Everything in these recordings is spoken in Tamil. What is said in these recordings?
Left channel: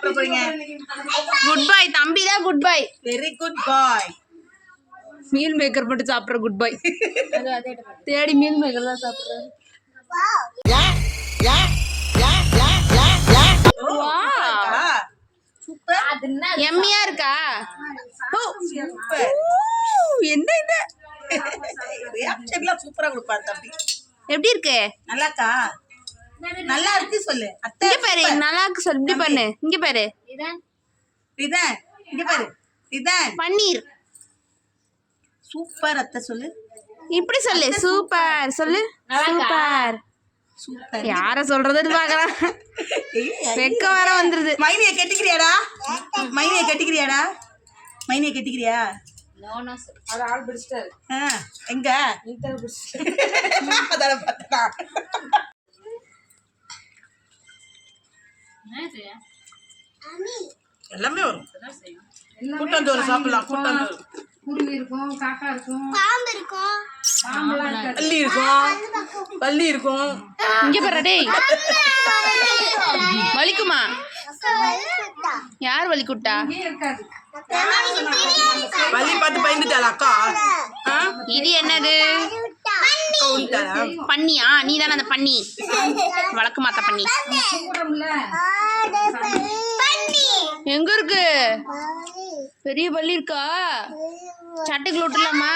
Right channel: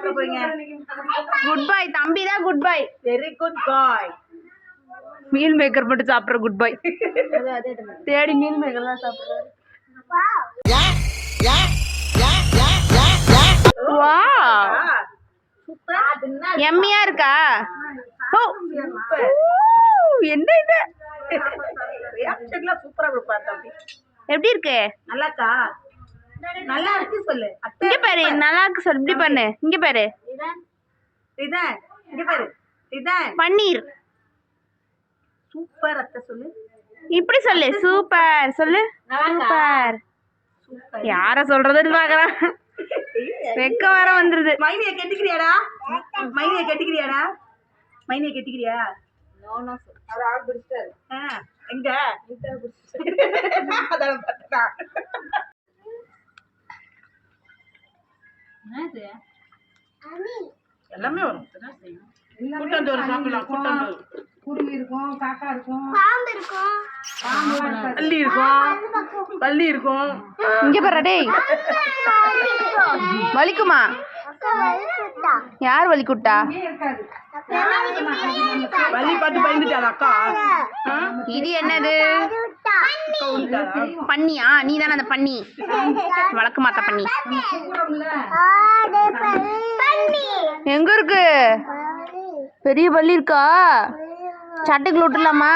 சாப்பிட போறீங்க? Good bye. தம்பி தான் குட் பை. வெரி குட் பாய். மீல் மேக்கர் மட்டும் சாப்பிட்ற குட் பை. தேடி மீல் மேக்கர் தான் சாப்பிட்றாரு. வா எம்மியா இருக்கா? என்ன இது? ரியாக்ஷன்லாம் சூப்பரா கொடுப்பா தம்பி. எப்படி இருக்கு? நல்லாக்கா? நல்லா இருக்கு சொல்லு. இங்க பாரு, நல்லா இருக்கு சொல்லு. இப்படி பண்ணு. இங்க பாரு. இதான் இங்க பாரு. இதான் பன்னீர். சூப்பர் அத்தை சொல்லு. இப்படி சொல்லு. சூப்பர் சொல்லு. சூப்பர். சூப்பர். யார சொல்றதுன்னு பாக்குறான். வெக்க வர வந்துருது. மைனியை கட்டிக்கிறியாடா? மைனியை கட்டிக்கிறியாடா? மைனியை கட்டிக்கிறியா? அவர் ஆள் பிடிச்சிட்டாரு. எங்க எல்லாமே வரும். கூட்டந்தோறு சாப்பிடலாம். கூட்டந்தோறு குருவி இருக்கும், காக்கா இருக்கும், பள்ளி இருக்கும், பள்ளி இருக்கும். இங்க பாரு டேய். வலிக்குமா? யார் வலிக்குட்டா? இருக்காது. பள்ளி பார்த்து பயந்துட்டாளா அக்கா? இது என்னது? பன்னியா? நீ தானே அந்த பன்னி? வழக்கு மாத்த பன்னி. எங்க இருக்கு? பெரிய பள்ளி இருக்கா? சட்டைக்குள்ள விட்டுலாமா?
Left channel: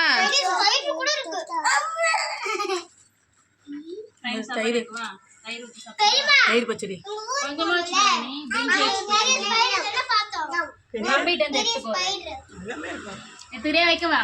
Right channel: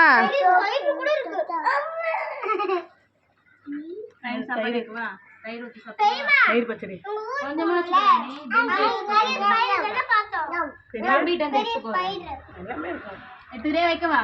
தயிர் பச்சடி. வைக்கவா?